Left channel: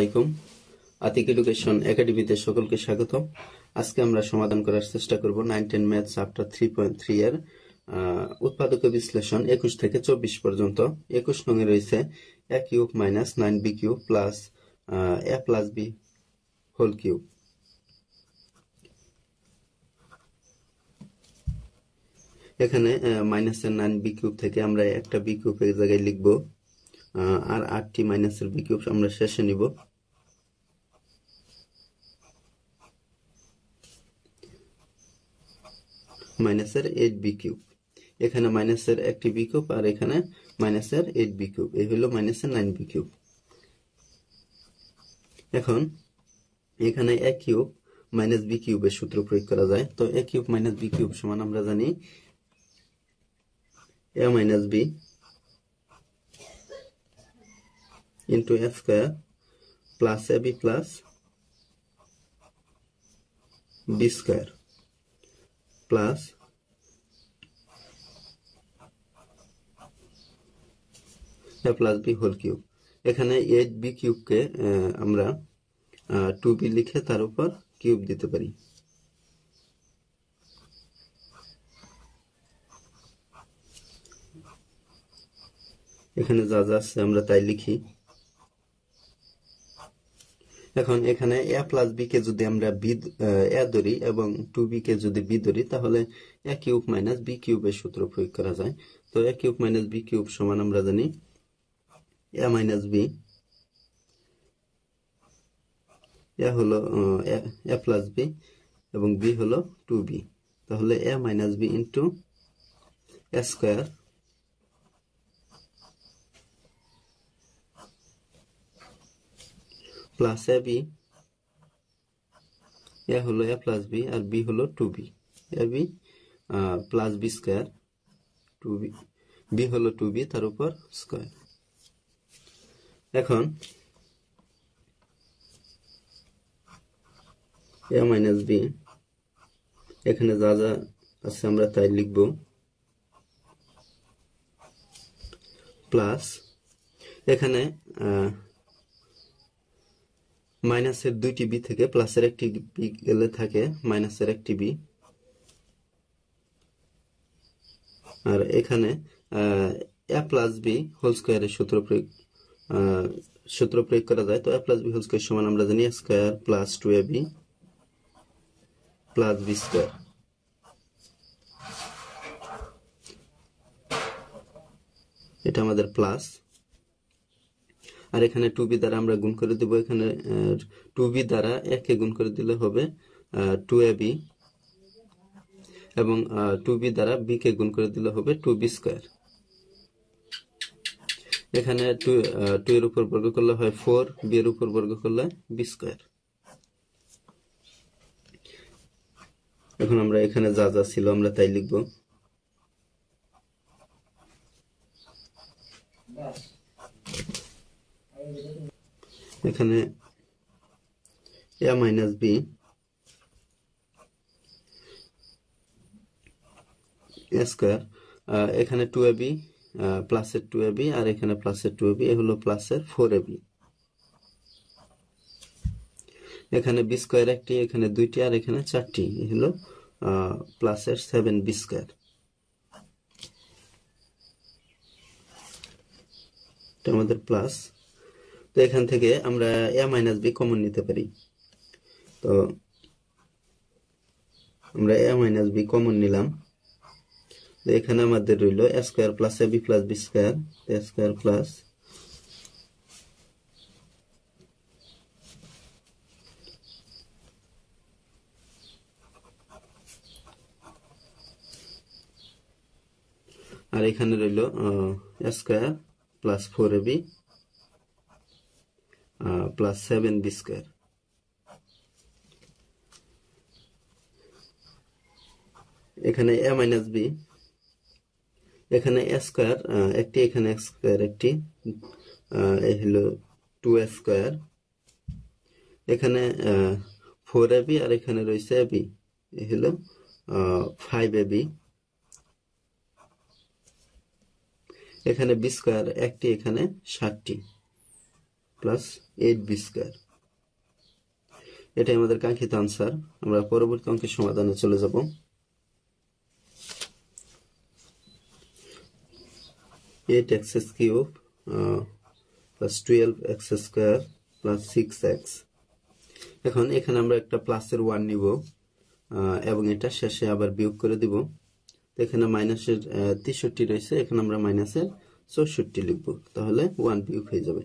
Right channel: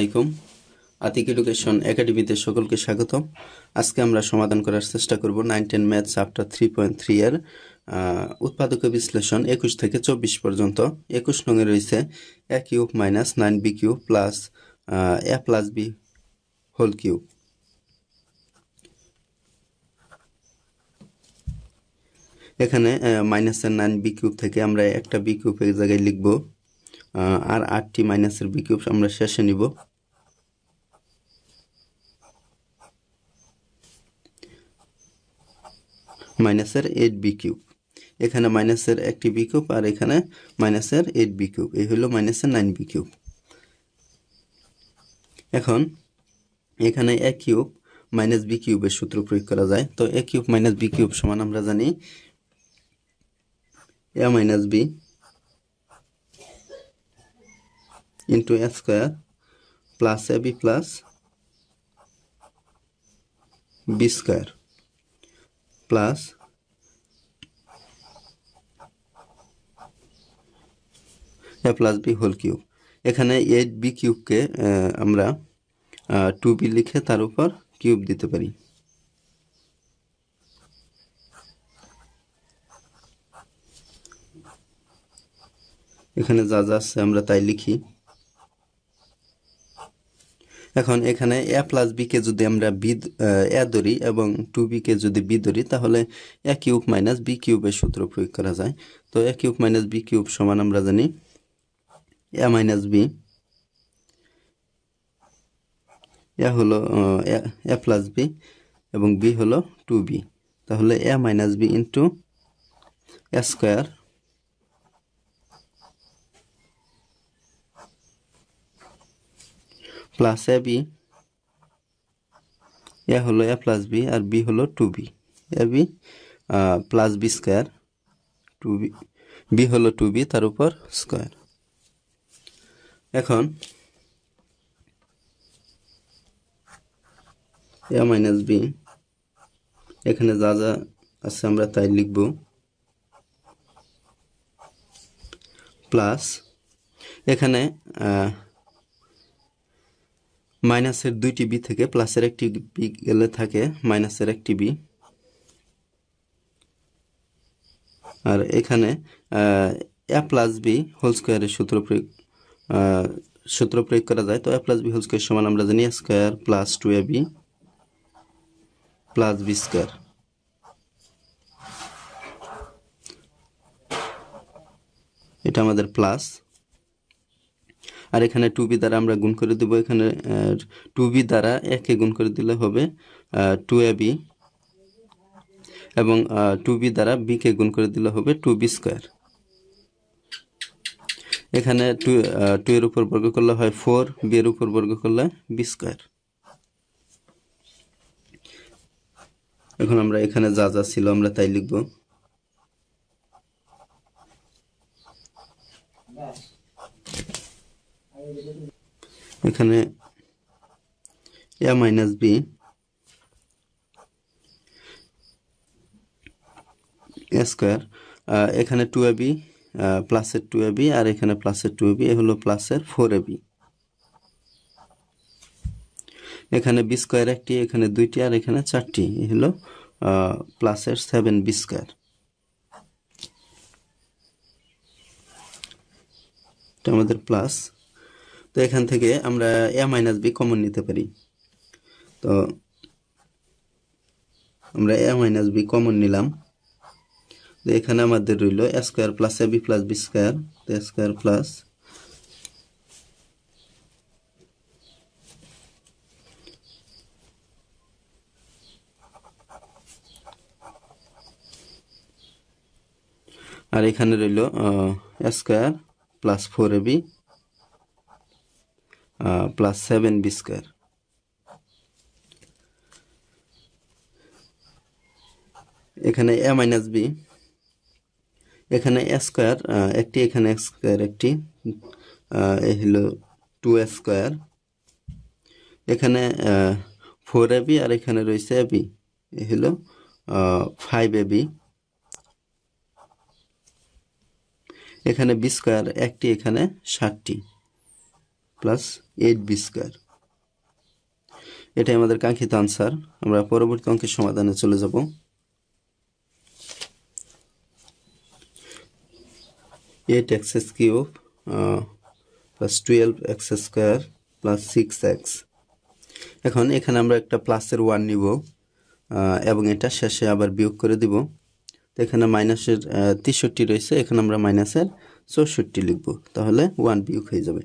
আলাইকুম। আতিক এডুকেশন একাডেমিতে সকলকে স্বাগতম। আজকে আমরা সমাধান করার চেষ্টা করব 9-10 ম্যাথ চ্যাপ্টার 3.3 এর উৎপাদক বিশ্লেষণ 21 থেকে 24 পর্যন্ত। 21 নং-এ রয়েছে a cube minus 9b cube plus a plus b whole cube. এখানে মাইনাসের 9b কিউব থেকে আমরা একটা b কিউব এই জায়গায় লিখব, আর 8টি মাইনাসের b কিউব আমরা শেষে নিব। মাইনাসের 8b কিউব, এখানে মাইনাসের একটি b কিউব আর এখানে মাইনাসের 8b কিউব, এই হলো মাইনাসের 9b কিউব। এখন এখানে a কিউব মাইনাস b কিউবের সূত্র প্রয়োগ করা যায়। তো a cube minus b cube সমান আমরা জানি a minus b into a square plus ab plus b square plus a plus b whole cube. এখানে 8b কিউবকে আমরা 2b লিখে তার উপর কিউব দিতে পারি। এখানে যা যা আছে আমরা তাই লিখি। এখন এখানে a প্লাস b কে যদি আমরা a ধরি এবং 2b কে যদি b ধরি, তাহলে a কিউব মাইনাস b কিউবের সূত্র প্রয়োগ করা যায়। তো a cube minus b cube সমান আমরা জানি a মাইনাস b, a হলো a প্লাস b এবং b হলো 2b, তাহলে a minus b into a square plus ab, a হলো a প্লাস b আর b হলো 2b, ab plus b square 2b, b হলো 2b তার উপর স্কয়ার। এখন a মাইনাস b, এখানে যা যা আছে আমরা তাই লিখব, প্লাস এখানে মাইনাসের 2টি b থেকে প্লাসের একটি b গেলে থাকে মাইনাসের একটি b, আর এখানে a প্লাস b হোল স্কয়ারের সূত্র প্রয়োগ করা যায়। তো a plus b whole square সমান আমরা জানি a square plus 2ab plus b square. এটা আমাদের প্লাস, আর এখানে 2b দ্বারা আমরা গুণ করে দেব। এখানে 2b দ্বারা a কে গুণ করে দিলে হবে 2ab এবং 2b দ্বারা b কে গুণ করে দিলে হবে 2b স্কয়ার। এখানে 2 এর উপর বর্গ করলে হয় 4, b এর উপর বর্গ করলে b স্কয়ার। এখন আমরা এখানে যা যা ছিল আমরা তাই লিখব। এখানে a minus b a square, এখানে 2ab প্লাসের 2ab আর এখানে প্লাসের 2ab, এ হলো প্লাসের 4ab। এখানে b স্কয়ার একটি, এখানে 2টি আর এখানে 4টি, এ হলো প্লাসের 7b স্কয়ার। এটা আমাদের প্লাস। তো এখান থেকে আমরা a মাইনাস b কমন নিতে পারি। তো আমরা a মাইনাস b কমন নিলাম। তো এখানে আমাদের রইল a square plus ab plus b square, a square plus আর এখানে রইল a square plus 4ab plus 7b square. এখানে a মাইনাস b, এখানে a স্কয়ার একটি, এখানে x স্কয়ার একটি, এ হলো 2a স্কয়ার। এখানে 4ab আর এখানে রয়েছে ab, এ হলো 5ab। এখানে b স্কয়ার একটি, এখানে 60টি। Plus 8b square. এটাই আমাদের কাঙ্ক্ষিত আনসার। আমরা পরবর্তী অঙ্কের সমাধানে চলে যাব। Eight x cube plus 12x square plus 6x। এখন এখানে আমরা একটা প্লাসের 1 নিব এবং এটা শেষে আবার বিয়োগ করে দিব। তো এখানে মাইনাসের 63 রয়েছে, এখানে আমরা মাইনাসের 64 লিখব, তাহলে 1 বিয়োগ হয়ে যাবে।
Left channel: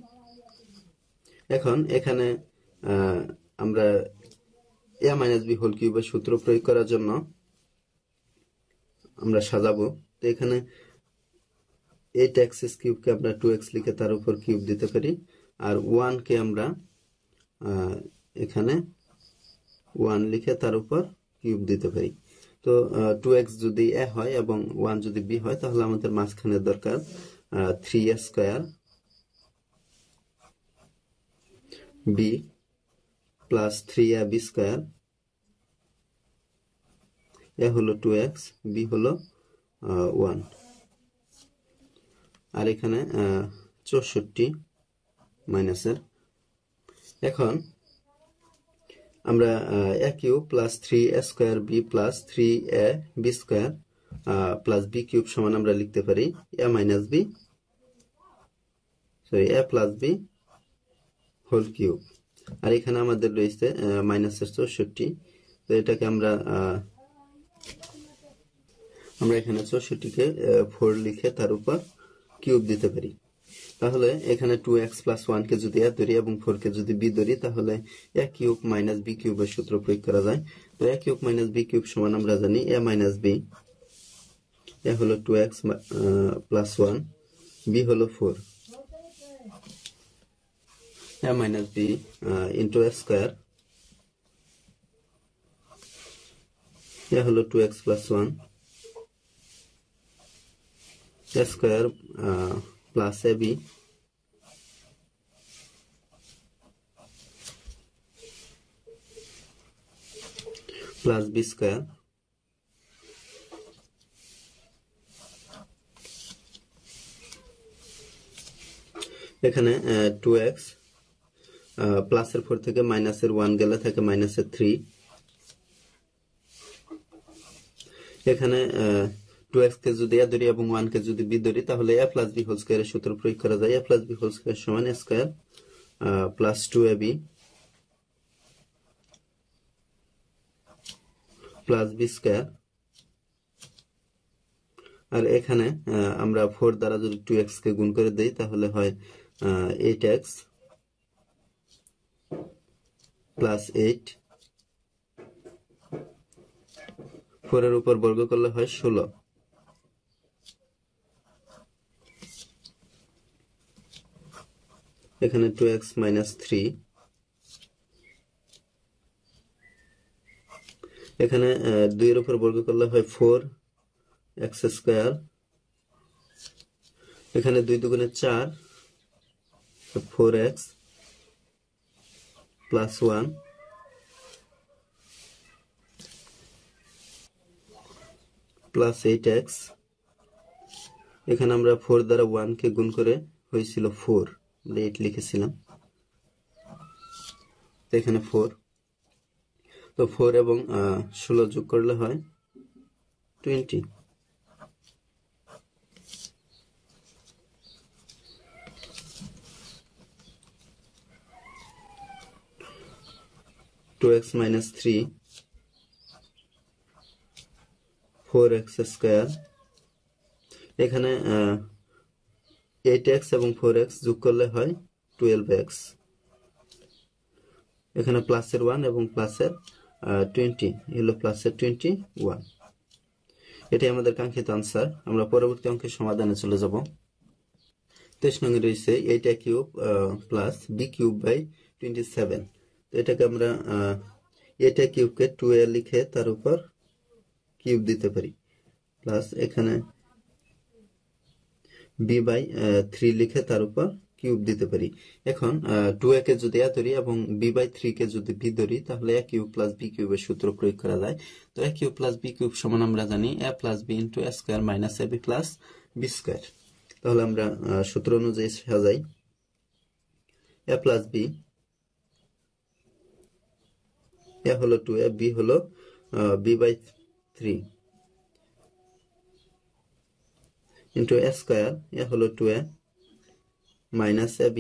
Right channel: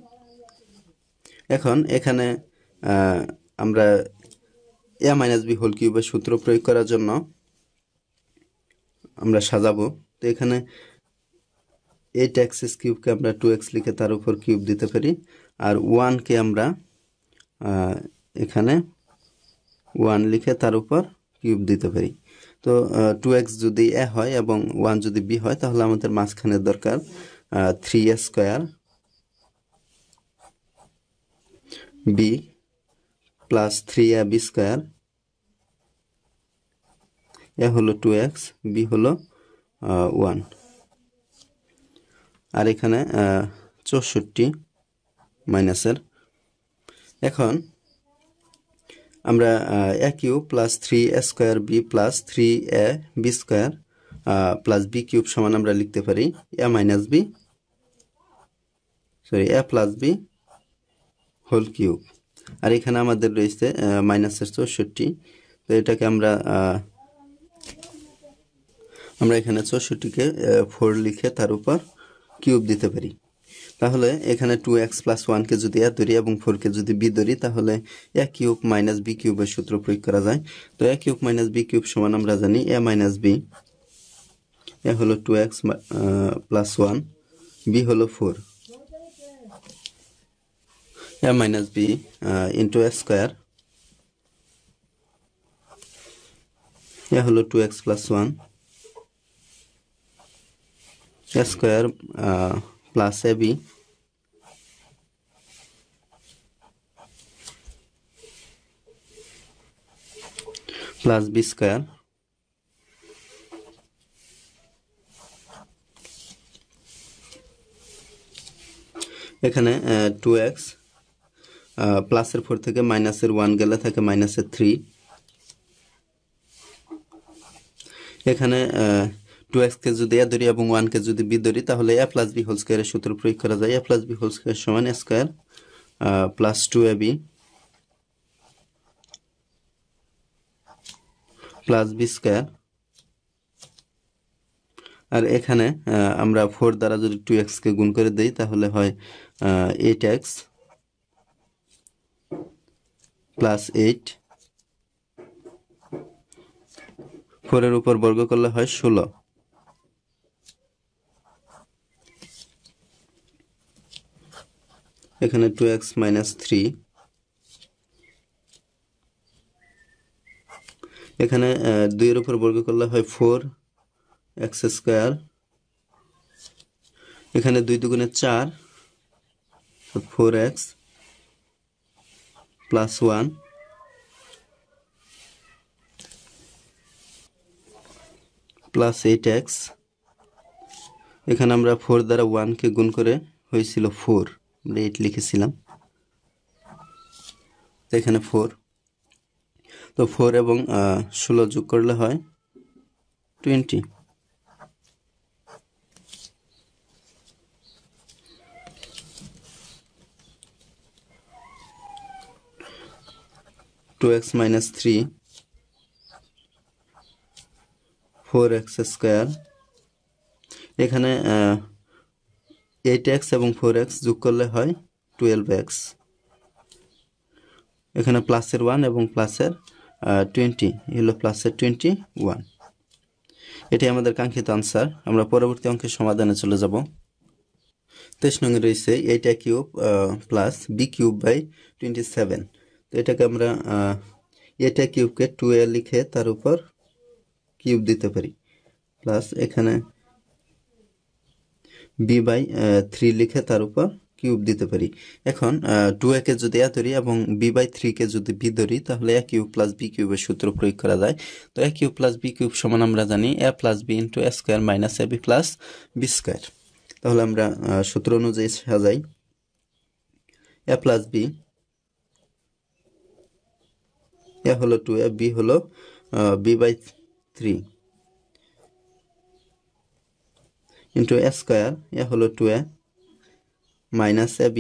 এখন এখানে আমরা a মাইনাস বি হোল কিউবের সূত্র প্রয়োগ করার জন্য আমরা সাজাবো। তো এখানে 8x কিউবকে আমরা 2x লিখে তার উপর কিউব দিতে পারি, আর 1 কে আমরা এখানে 1 লিখে তার উপর কিউব দিতে পারি। তো 2x যদি a হয় এবং 1 যদি b হয়, তাহলে আমাদের মাঝখানে দরকার 3a square b plus 3ab square. a হলো 2x, b হলো 1, আর এখানে 64 মাইনাসের। এখন আমরা a cube plus 3a square b plus 3ab square plus b cube সমান আমরা লিখতে পারি a minus b a plus b whole cube. আর এখানে আমাদের রয়েছে মাইনাসের 64। তো এটাকে আমরা এখানে 64কে 4 লিখে তার উপর কিউব দিতে পারি। তাহলে এখানে 2x প্লাস 1কে যদি a ধরি এবং 4কে যদি b ধরি, তাহলে a কিউব মাইনাস b কিউবের সূত্র প্রয়োগ করা যায়। তো a cube minus b cube সমান আমরা জানি a মাইনাস b। a হলো 2x প্লাস 1, b হলো 4। a minus b into a square, a হলো 2x plus 1, a square plus ab plus b square এখানে 2x প্লাসের 4 থেকে মাইনাসের 1 গেলে থাকে মাইনাসের 3। এখানে 2x কে যদি a ধরি এবং 1 কে যদি b ধরি, তাহলে a প্লাস b হোল স্কয়ারের সূত্র প্রয়োগ করা যায়। a plus b whole square সমান a square plus 2ab plus b square. আর এখানে আমরা 4 দ্বারা যদি 2x কে গুণ করে দেই, তাহলে হয় 8x প্লাস 8। 4 এর উপর বর্গ করলে হয় 16। এখানে 2x মাইনাস 3। এখানে 2 এর উপর বর্গ করলে হয় 4x স্কয়ার। এখানে 2 দুগুণে 4, 4x প্লাস 1 প্লাস 8x। এখানে আমরা 4 দ্বারা 1 কে গুণ করে হয়েছিল 4, আমরা 8 লিখেছিলাম। তো এখানে 4, তো 4 এবং 16 যোগ করলে হয় 20। Two X minus 3 4x square. এখানে 8x এবং 4x যোগ করলে হয় 12x। এখানে প্লাসের 1 এবং প্লাসের 20, হলো প্লাসের 21। এটাই আমাদের কাঙ্ক্ষিত আনসার। আমরা পরবর্তী অঙ্কের সমাধানে চলে যাব। 23 নং রয়েছে 8a cube plus b cube by 27। তো এটাকে আমরা 8a কিউবকে 2a লিখে তার উপর কিউব দিতে পারি, প্লাস এখানে b বাই 3 লিখে তার উপর কিউব দিতে পারি। এখন 2a কে যদি a ধরি এবং b বাই 3 কে যদি b ধরি, তাহলে a কিউব প্লাস b কিউবের সূত্র প্রয়োগ করা যায়। তো a cube plus b cube সমান আমরা জানি a plus b into a square minus ab plus b square. তাহলে আমরা সূত্র অনুযায়ী সাজাই। a প্লাস বি, এ হলো 2a, বি হলো b/3 ইন্টু a স্কোয়ার, এ হলো 2a minus ab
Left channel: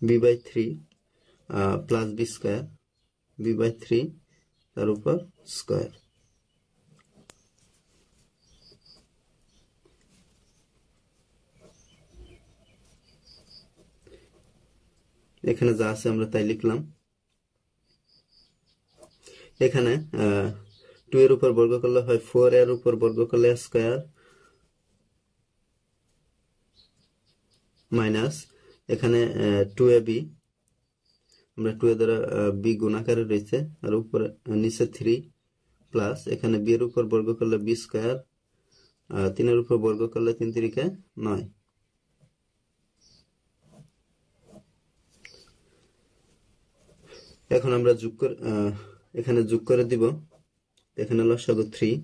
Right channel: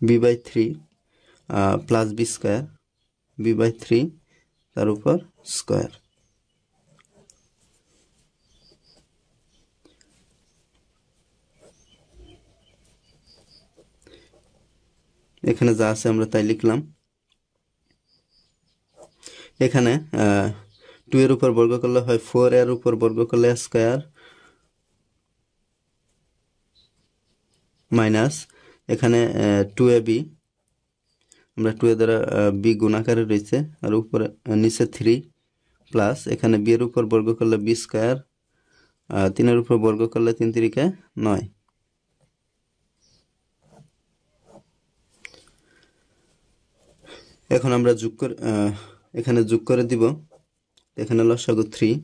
b/3 plus B square b/3 তার উপর স্কোয়ার। এখানে যা আছে আমরা তাই লিখলাম। এখানে 2 এর উপর বর্গ করলে হয় 4, এর উপর বর্গ করলে স্কোয়ার মাইনাস এখানে 2ab, আমরা 2 এর দ্বারা বি গুণাকারে রয়েছে আর উপরে নিচে 3 প্লাস এখানে বি এর উপর বর্গ করলে বি স্কোয়ার, 3 এর উপর বর্গ করলে 3 3 9। এখন আমরা এখানে যোগ করে দিব। এখানে লসাগু 3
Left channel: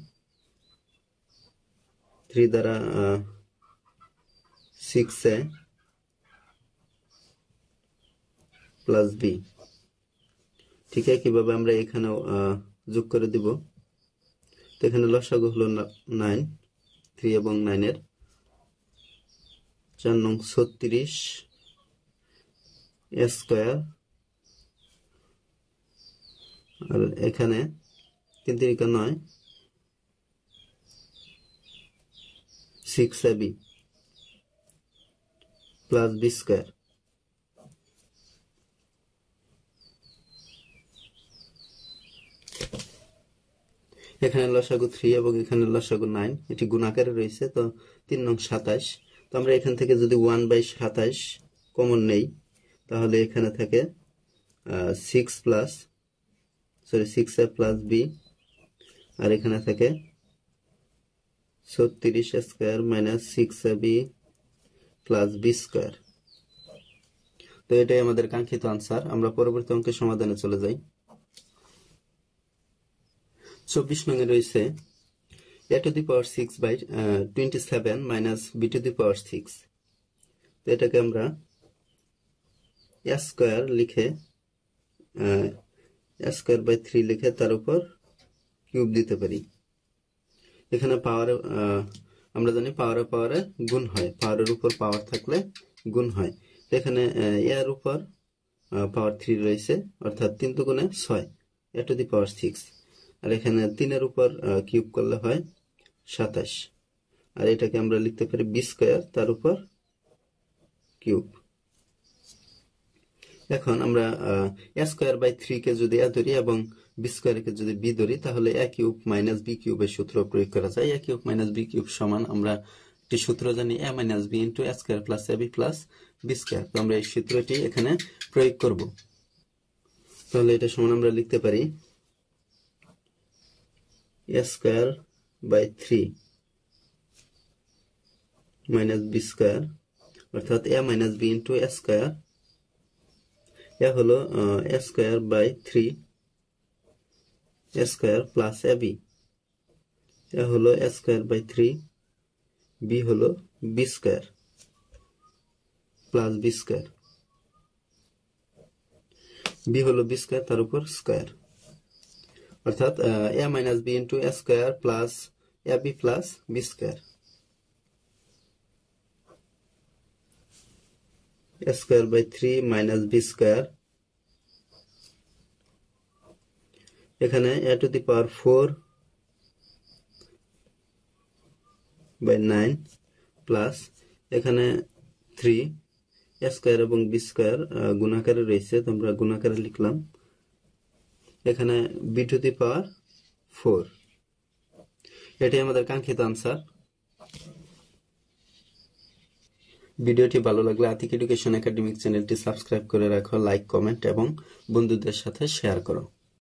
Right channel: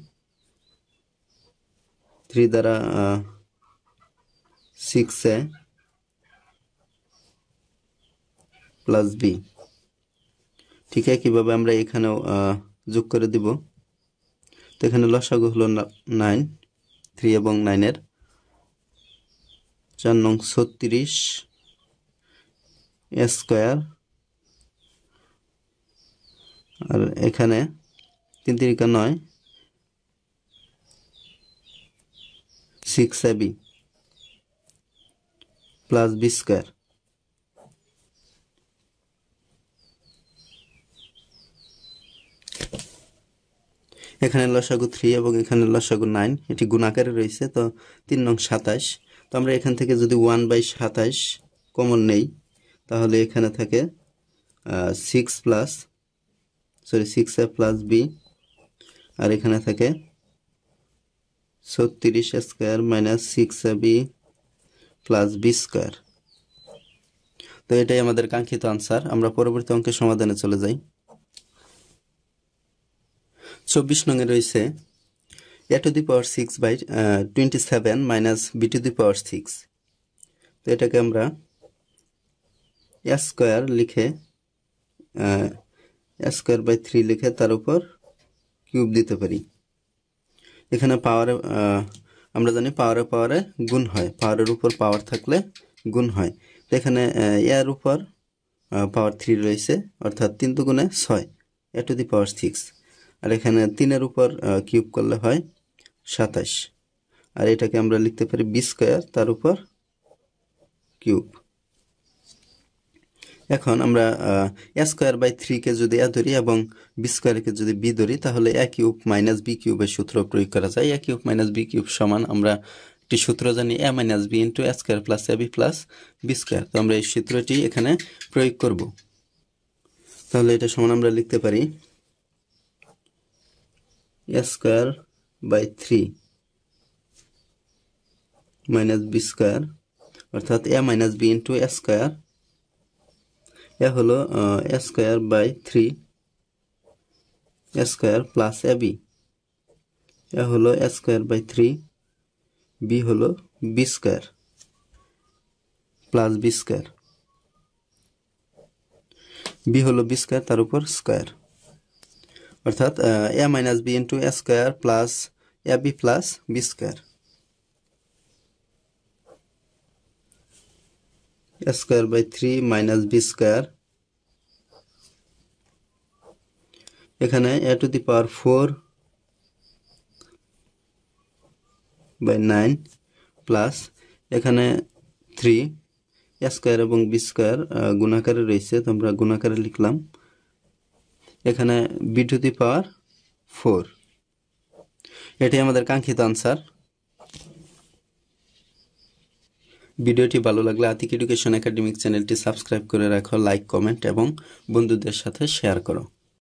দ্বারা 6a প্লাস বি। ঠিক আছে, কিভাবে আমরা এখানেও যোগ করে দিব। তো এখানে লসাগু হলো 9, 3 এবং 9 এর 4 নং 36 a স্কোয়ার, আর এখানে 3 3 9 6ab প্লাস বি স্কোয়ার। এখানে লসাগু 3 এবং এখানে লসাগু 9, এটি গুণাকারে রয়েছে। তো 3 নং 27। তো আমরা এখান থেকে যদি 1/27 কমন নেই তাহলে এখানে থাকে 6a প্লাস বি, আর এখানে থাকে 36 square minus 6ab plus B square. তো এটাই আমাদের কাঙ্ক্ষিত আনসার। আমরা পরবর্তী অঙ্কের সমাধানে চলে যাই। 24 নঙে রয়েছে a to the power 6/27 minus b to the power 6। তো এটাকে আমরা a স্কোয়ার লিখে a²/3 লিখে তার উপর কিউব দিতে পারি। এখানে পাওয়ারে আমরা জানি পাওয়ারে গুণ হয়, পাওয়ারের উপর পাওয়ার থাকলে গুণ হয়। তো এখানে এর উপর পাওয়ার 3 রয়েছে, অর্থাৎ 3 দুগুণে 6, a টু দি পাওয়ার 6। আর এখানে 3 এর উপর কিউব করলে হয় 27, আর এটাকে আমরা লিখতে পারি বি স্কোয়ার তার উপর কিউব। এখন আমরা a²/3 কে যদি a ধরি এবং বি স্কোয়ারকে যদি বি ধরি তাহলে a³ মাইনাস বি কিউবের সূত্র প্রয়োগ করা যায়। a³ মাইনাস বি কিউব সমান আমরা একটি সূত্র জানি a minus B into a² plus ab plus B square. তো আমরা এই সূত্রটি এখানে প্রয়োগ করব। তাহলে এটা সমান আমরা লিখতে পারি a²/3 মাইনাস বি স্কোয়ার, অর্থাৎ a minus B into a square. এ হলো a²/3 a square plus ab, এ হলো a²/3, বি হলো b square plus B square, b হলো বি স্কোয়ার তার উপর স্কোয়ার, অর্থাৎ a minus B into a square plus ab plus B square. a²/3 minus b square, এখানে a to the power 4/9 plus এখানে 3, a square এবং b square গুণাকারে রয়েছে, তো আমরা গুণাকারে লিখলাম। এখানে বি টু দি পাওয়ার 4। এটাই আমাদের কাঙ্ক্ষিত আনসার। ভিডিওটি ভালো লাগলে আতিক এডুকেশন একাডেমিক চ্যানেলটি সাবস্ক্রাইব করে রাখো, লাইক, কমেন্ট এবং বন্ধুদের সাথে শেয়ার করো।